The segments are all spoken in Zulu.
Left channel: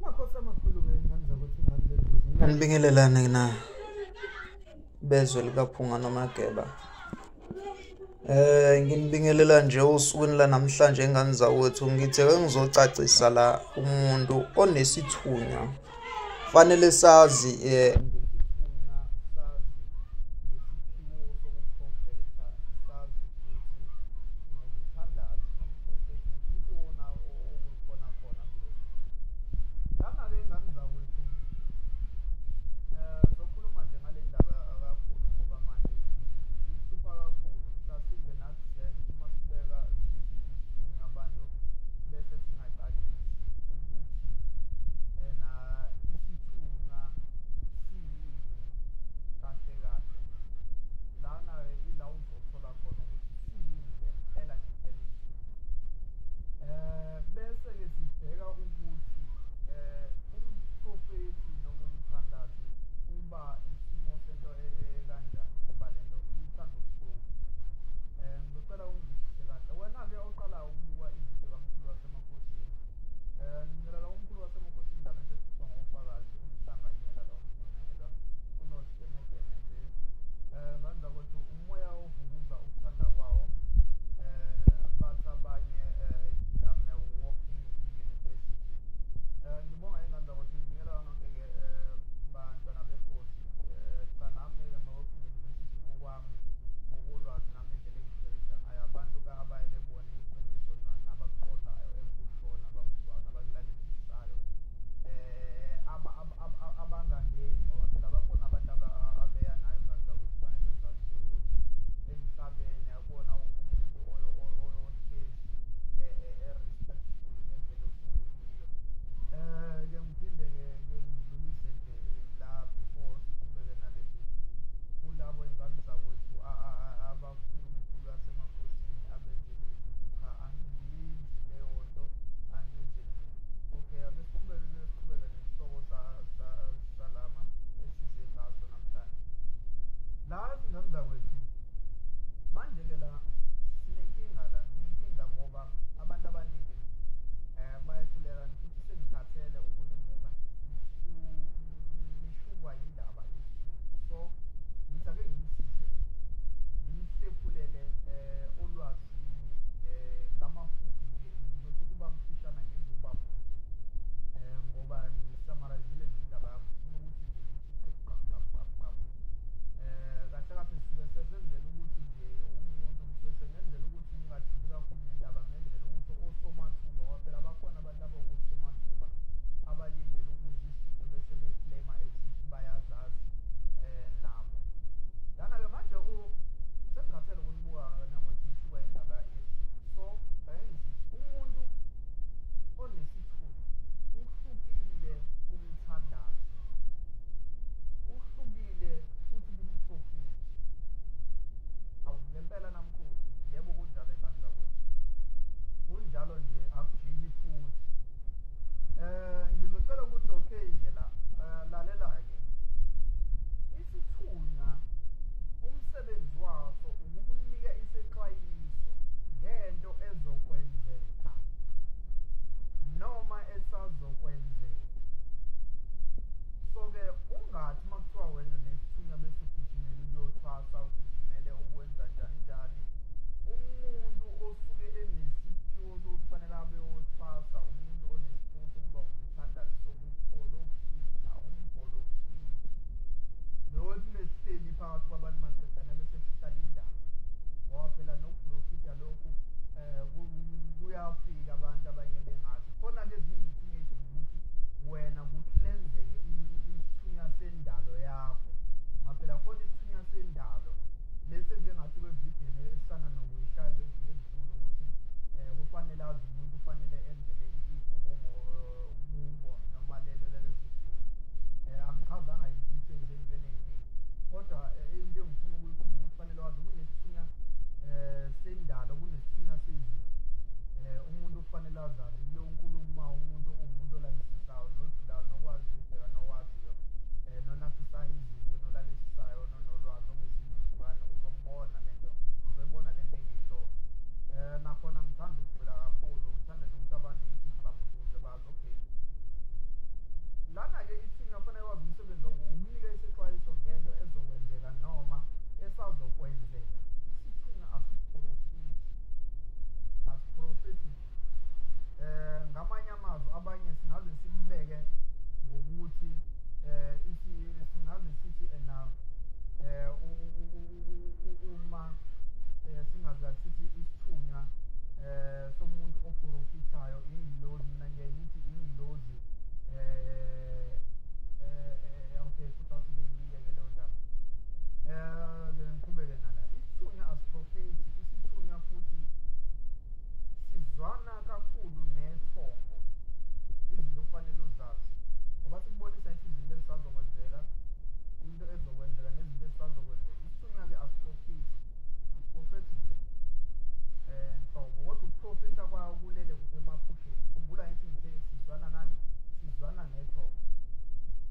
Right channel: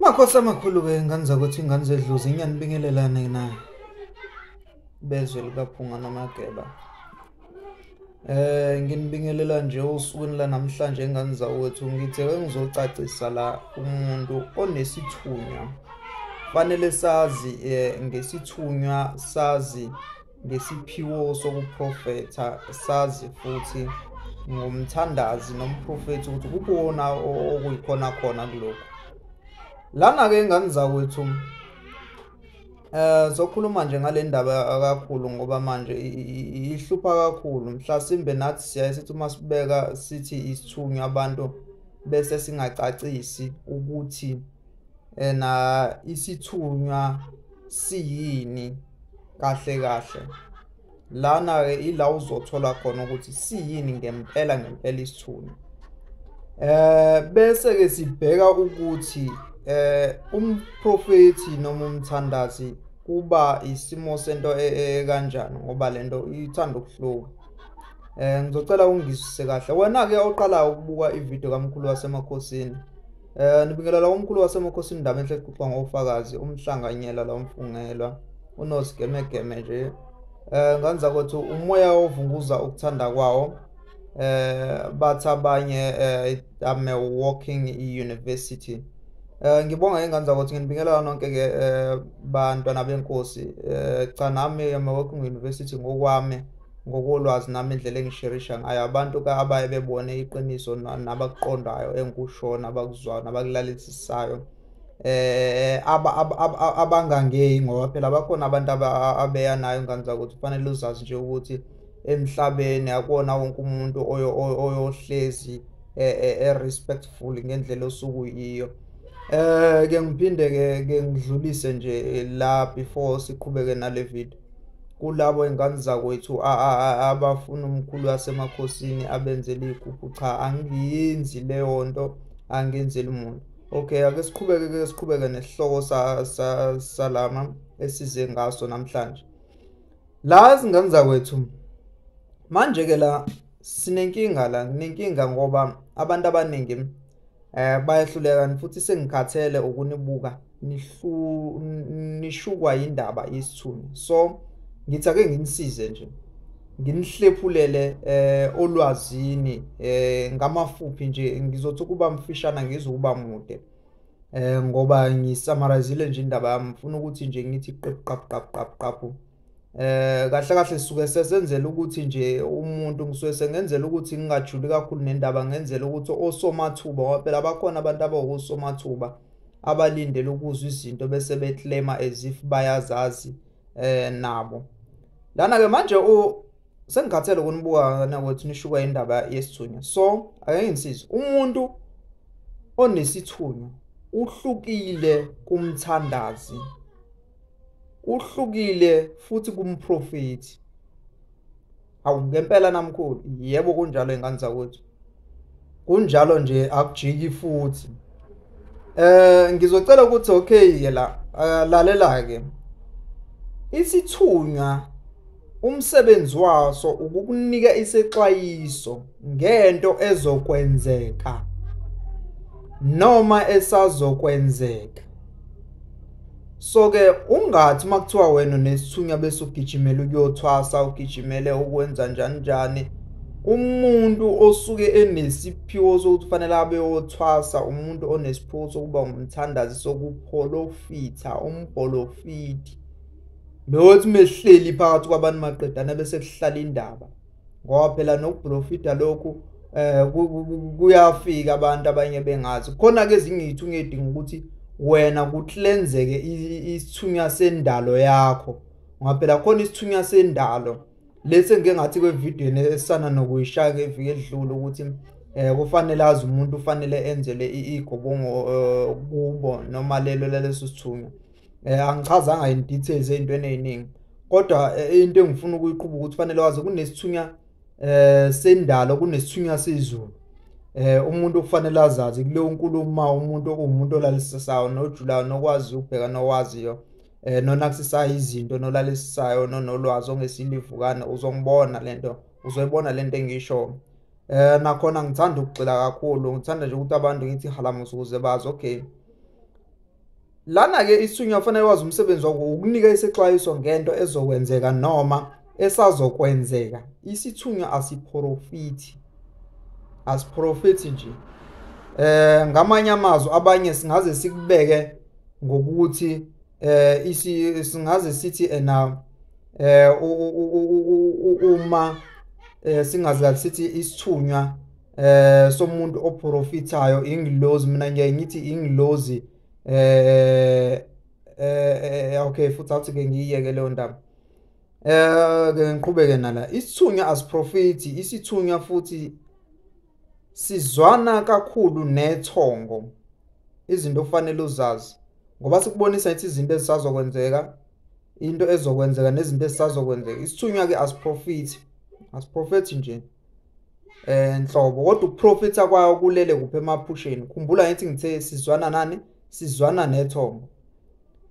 Makhosi amakhulu ke ngani zakuthi ingane zedluzi ngiyanibingelelana na bezwe likaphunga noMageba. Nginibingelela nje usukwini la namhlanje ingane zawethu ngithe ngizocacisa la umuntu onesithunywa. Fanele sazi ngesithunywa, sazi ngesiphiwo sokuprofetha, sazi futhi ngomthandazi nomprofethi ukuthi kukhona okuyikhona khona kulokho. Lana ke ingane zakwethu sokhuluma nje ngale ndaba kakhulu ngoba manje ihlupha kakhulu. Mhlasimbe nathi siyayithi uma sibeka sithi isithunywa abantu bese singacacisi ukuthi na isithunywa siyini kahle kahle. Lana ke ila uzothola khona ukuthi siyini ngempela isithunywa. Bese ke sibheka ukuthi umprofethi noma umthandazi kuba isimo sento kanjani ngoba lento ithanda ukuhluka. Ngizocela ungizwisise kahle. Wena ke oqala ukubuka ivideo kaMkhulu wasemakhosini. Nibingelela uMkhulu wasemakhosini indaba enhle exoxa ngofakazi umhlanganyela la umfungelwa unosigemegeme nje. Ngani zakwethu umoya ovunguza ukuthanda kwawo. Bathi abanye I'm a walking university. Ngibonga ingane zakwethu nginibingelela nonke ke bantwana benkosi. Cha nami I'm a walking university ngokwami ngokolwazi nami indlela engisherisha ngayo abantu ka abaye bebone iqiniso nabakuqondayo enkushona abakuzwayo nabakulalisisayo. Abangangeyi ngoba phela bakhona abantu abeya nayo ingane zakwethu. Kufanele uzazi nje ukuthi emhlabeni akona wonke umuntu oyohlezi respectful ngendlela osuku yiyo. Ke ngiphinde ke ngidlulise nje la before siqhubeke nale video. Kulabo ingane zakwethu abafuna uMkhulu wasemakhosini abenzele igubhu, cha angiyenzi leyo nto, angenzeli umuntu. Okay, ake siqhubeke nesihloko salama esize ngaso namhlanje. La izingane zakwethu manje ke la sinenkinga ngoba abantu abaningi bayahluleka futhi sengikhathele ukunibuka nishukwa indaba yesithunywa. So ngithi ake nginisize nje nginihlephulele olwazini ngamafuphi nje ngizothi ukuba mfishana ngizokuba mude ngoba ngisummarizile nje indaba yami. Ngifuna ukuthi nje ngithi qaphu kahle sisuke sesenzela ukuthi nje umuntu ngisuke sengenzela ukuthi ngingajuli kakhulu nendaba, ngenzela ukuthi osomathuba ngoba phela bakhona abantu abawosomathuba abalindele ukuzwa izinto bese beclaima as if bayazazi nabo. Lana ke manje sengikhathele ukunibuka nakwethu nishukwa indaba yesithunywa. So ake ngisize umuntu onesithunywa uhlukile kumthandazi, uhlukile futhi kumprofethi. Awu ngempela namkhulu, yebo kunjalo ingane zakwethu. Kunjalo nje akujiki futhi. Ngizocela ukuthi okay la lalela ke. Isithunywa umsebenzi waso ukukunika isexwayiso ngento ezokwenzeka noma esazokwenzeka. So ke ungathi makuthiwa wena nesithunywa bese ugijimela ukuyothwasa, ugijimele ukwenza njani. Umuntu osuke enesiphiwo sokuthi fanele abe yothwasa, umuntu onesiphiwo sokuba umthandazi sokuprofitha, umprofiti. Lothi mehleli phakathi kwabantu maqedana bese kuhlala indaba. Ngoba phela nokuprofita lokhu kuyafika abantu abanye bengazi. Khona ke ezinye izithunywa edinga ukuthi wena kuhlenzeke isithunywa sendalo yakho. Ngoba phela khona isithunywa sendalo lese ngeke ngathi kwe video esana nokuyishaya ngeviki edlule ukuthi kufanele azi umuntu ufanele enzele igobongo kubo noma leso sithunywa. Angichazanga in details ezintweni eziningi kodwa into engifuna ukuyiqhubha ukuthi fanele wazi kunesithunywa sendalo kunesithunywa sezulu. Umuntu kufanele azazi kuleyo nkulumo umuntu okumuntu olalisayo nojulayo nokwazi ukubheka nowaziyo nonakusisa izinto nolalisisayo nolwazi ongesilivukana uzongibona lento, uzoyibona lento engisho. Nakhona ngithanda ukugxila kakhulu, ngithanda nje ukuthi abantu ngithi halamusa ukuze bazi okay lana ke isithunywa kufanele wazi umsebenzi wakho ukunika isexwayiso ngento ezokwenzeka noma esazokwenzeka. Isithunywa asiprofiti nje. Ngamanye amazwi abanye singaze sikubeke ngokuthi singaze sithi uma singaze sithi isithunywa somuntu oprofitayo ingilozi, mina ngiyayithi ingilozi. Okay, futhi awuthi ke ngiyeke leyo ndaba. Ke ngiqhubeke nala. Isithunywa asiprofiti, isithunywa futhi sizwana kakhulu nethongo. Izinto kufanele uzazi ngoba sikubonisa ukuthi izinto ezisazokwenzeka, into ezokwenzeka nezinto ezisazokwenzeka. Isithunywa ke asiprofiti nje nhlobo, kodwa ukuprofita kwayo kulele kuphe emaphusheni. Khumbula ngithi ngithe sizwana nani? Sizwana nethongo.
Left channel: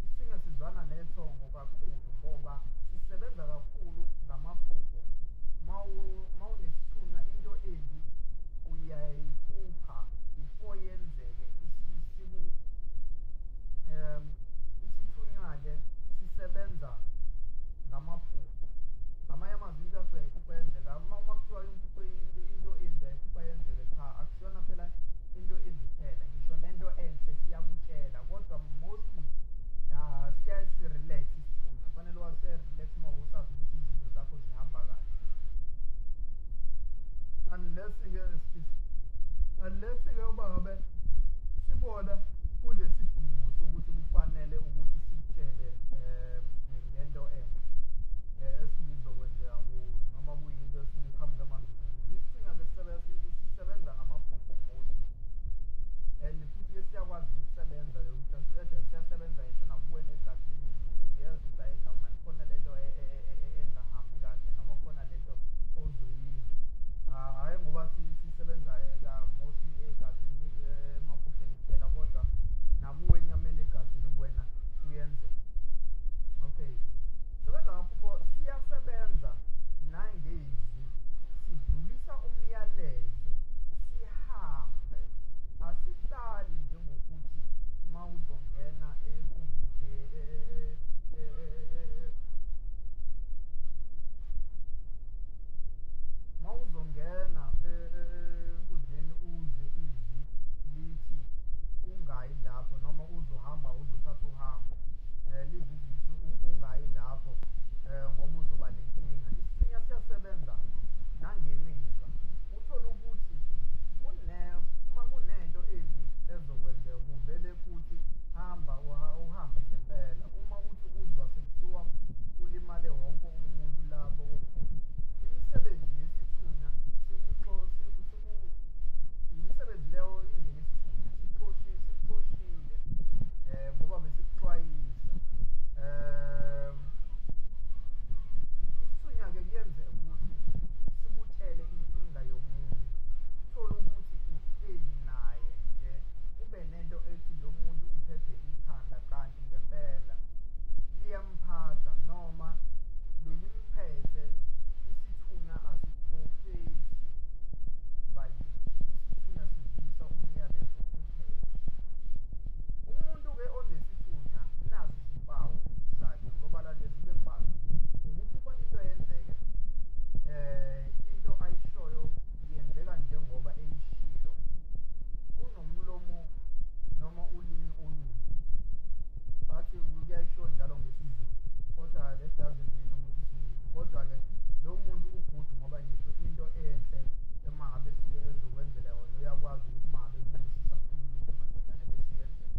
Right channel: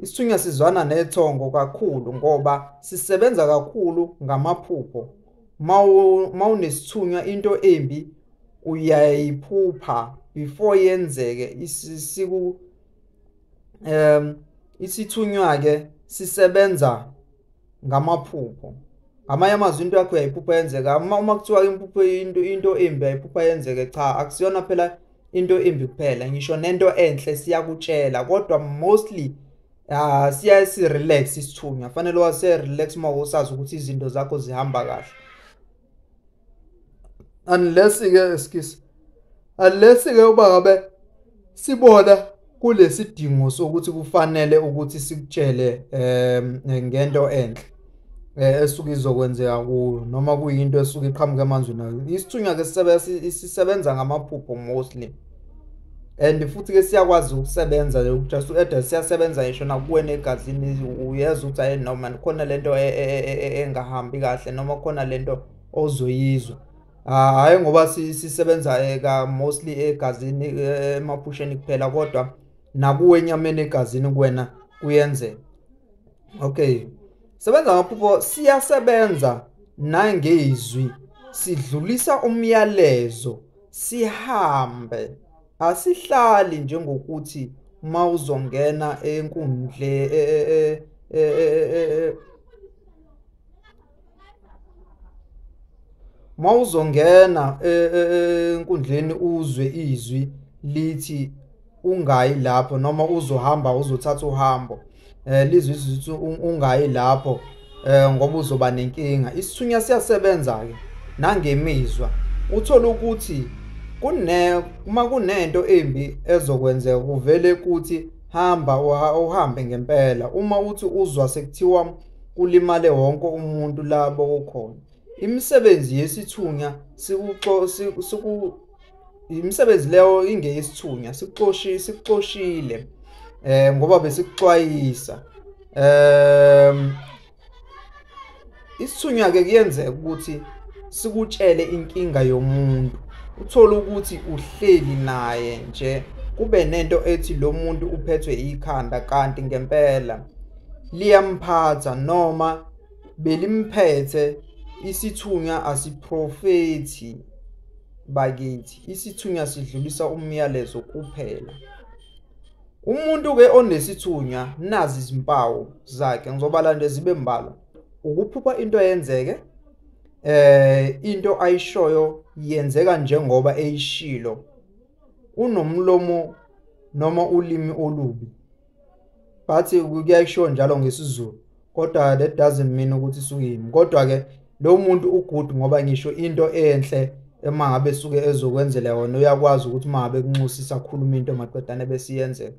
Isithunywa sizwana nethongo kakhulu ngoba sisebenza kakhulu ngamaphupho. Mawunesithunywa into embi uyayiphupha before yenzeke. Isithunywa ke sisebenza ngamaphupho. Amanye amazwi into yakho uyayiphupha yenzeka. Uma kuthiwa imphupho into embi ayiphupha yenzeke, cha, akusiyona phela into embi kuphela, ngisho nento enhle siyakutshela, kodwa mostly siya si-relax isithunywa. Fanele wase-relax uma usazi ukuthi izinto zakho zihamba kahle. Unless ke uba ngabe sibona kulesidingo sokuthi kufanele ukuthi sikutshele ngento enhle esuke izokwenzeka kuyo, noma kuyinto esuke iqhamuka emanzini. Isithunywa ke sisebenza ngamaphupho mostly, and futhi ke siyakwazi ukusebenza just siyasebenza ngisho nakuwe negazini. Uyeza ukuthi hayi noma khona lento engahambi kahle, noma khona lento ozoyizwa. Hayi ngoba sisebenza ka mostly egazini, emaphusheni kuphela, kodwa nakuwe enyameni egazini kuwena kuyenzeka. Okay, sebenza ngamaphupho. Siyasebenza nangezwi, sidlulisa umyalezo, sihambe. Asihlali njengokuthi mawuzongena enkundle mawuzongena enkundleni uzwe izwi lithi ungayi lapho, noma uzohamba uzothatha uhambo lizwe izwi ungayi lapho ngoba uzoba nenkinga. Isithunywa siyasebenza ke nangemizwa. Uthola ukuthi uma kunento embi ezokwenzeka kuvele kuthi hamba uhambe ngempela. Uma uthi uzwa sekuthiwa kulimale wonke umuntu labo ukhona. Imisebenzi yesithunywa imisebenzi leyo ingeyesithunywa, sikuxoshile ngoba besikuxwayisa. Isithunywa ke kuyenzeka ukuthi sikutshele inkinga yomuntu, uthola ukuthi uhleli naye nje, kube nento ethi lo muntu uphethwe ikhanda, kanti ngempela liyamphatha noma belimphethe. Isithunywa asiprofeti bakithi, isithunywa sidlulisa umyalezo kuphela. Umuntu ke onesithunywa, nazi izimpawu zakhe, ngizobala nje zibe mbalwa. Ukuphupha into yenzeke, into ayishoyo yenzeka njengoba eyishilo. Unomlomo noma ulimi olubi, but kuyayisho njalo ngesizulu, kodwa that doesn't mean ukuthi suyimi. Kodwa ke lo muntu ugood ngoba ngisho into enhle emangabe suke ezokwenzela yona, uyakwazi ukuthi mangabe kunxusisa khuluma into maqedane besiyenzeka.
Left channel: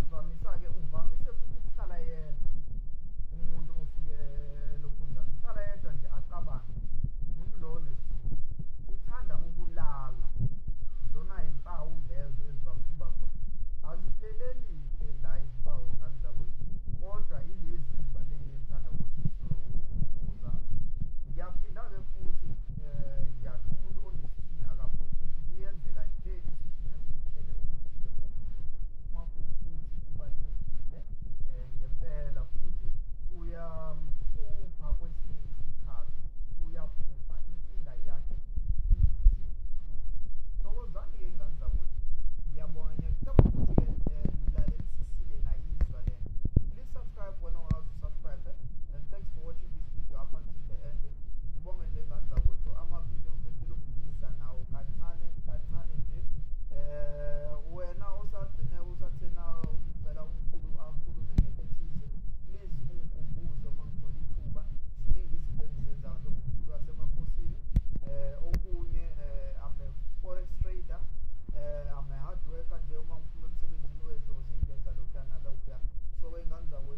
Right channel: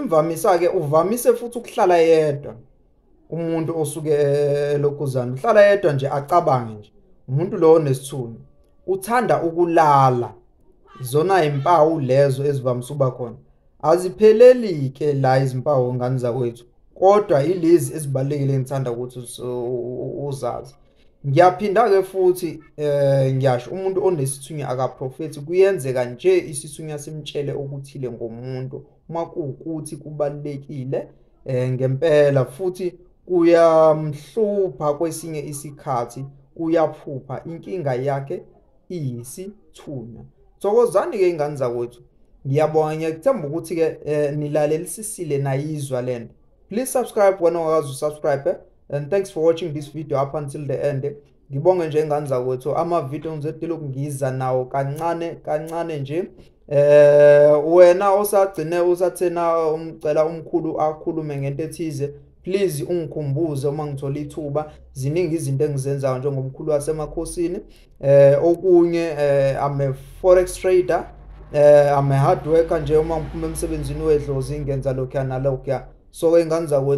Imvamisa ke uvamise futhi ukuhlala yedwa. Umuntu osuke lokuzana uhlala yedwa nje acabange nje. Umuntu lo onesithunywa uthanda ukulala. Zona impawu lezo ezivamise uba khona. Azipheleli ke la izimpawu ngani zakwethu, kodwa ilezi ezibalekile ngithanda ukuthi uzazi. Ngiyaphinda ke futhi ngiyasho umuntu onesithunywa akaprofeti. Kuyenzeka nje isithunywa simtshele okuthile ngomuntu uma kuukuthi kubalekile ngempela, futhi kuyamhlupha kwesinye isikhathi, uyaphupha inkinga yakhe iyisithunywa. Thokozani ke ingane zakwethu Ngiyabonga ngiyakuthemba ukuthi ke nilalelisisile nayizwa lento. Please subscribe wena ongakazi usubscribe and thanks for watching this video up until the end. Ngibonge nje ngani zakwethu ama video ngizodila ukungiza nawo kancane nje. Wena osagcine usathena umcela umkhulu akhulume ngento ethize, please ungikhumbuze uma ngithola ithuba. Ziningi izinto engizenzayo njengomkhulu wasemakhosini. Okunye I'm a forex trader. I'm a hard worker nje uma ngiphuma emsebenzini wedlozi ngenza lokho nalokho. So engani zakwethu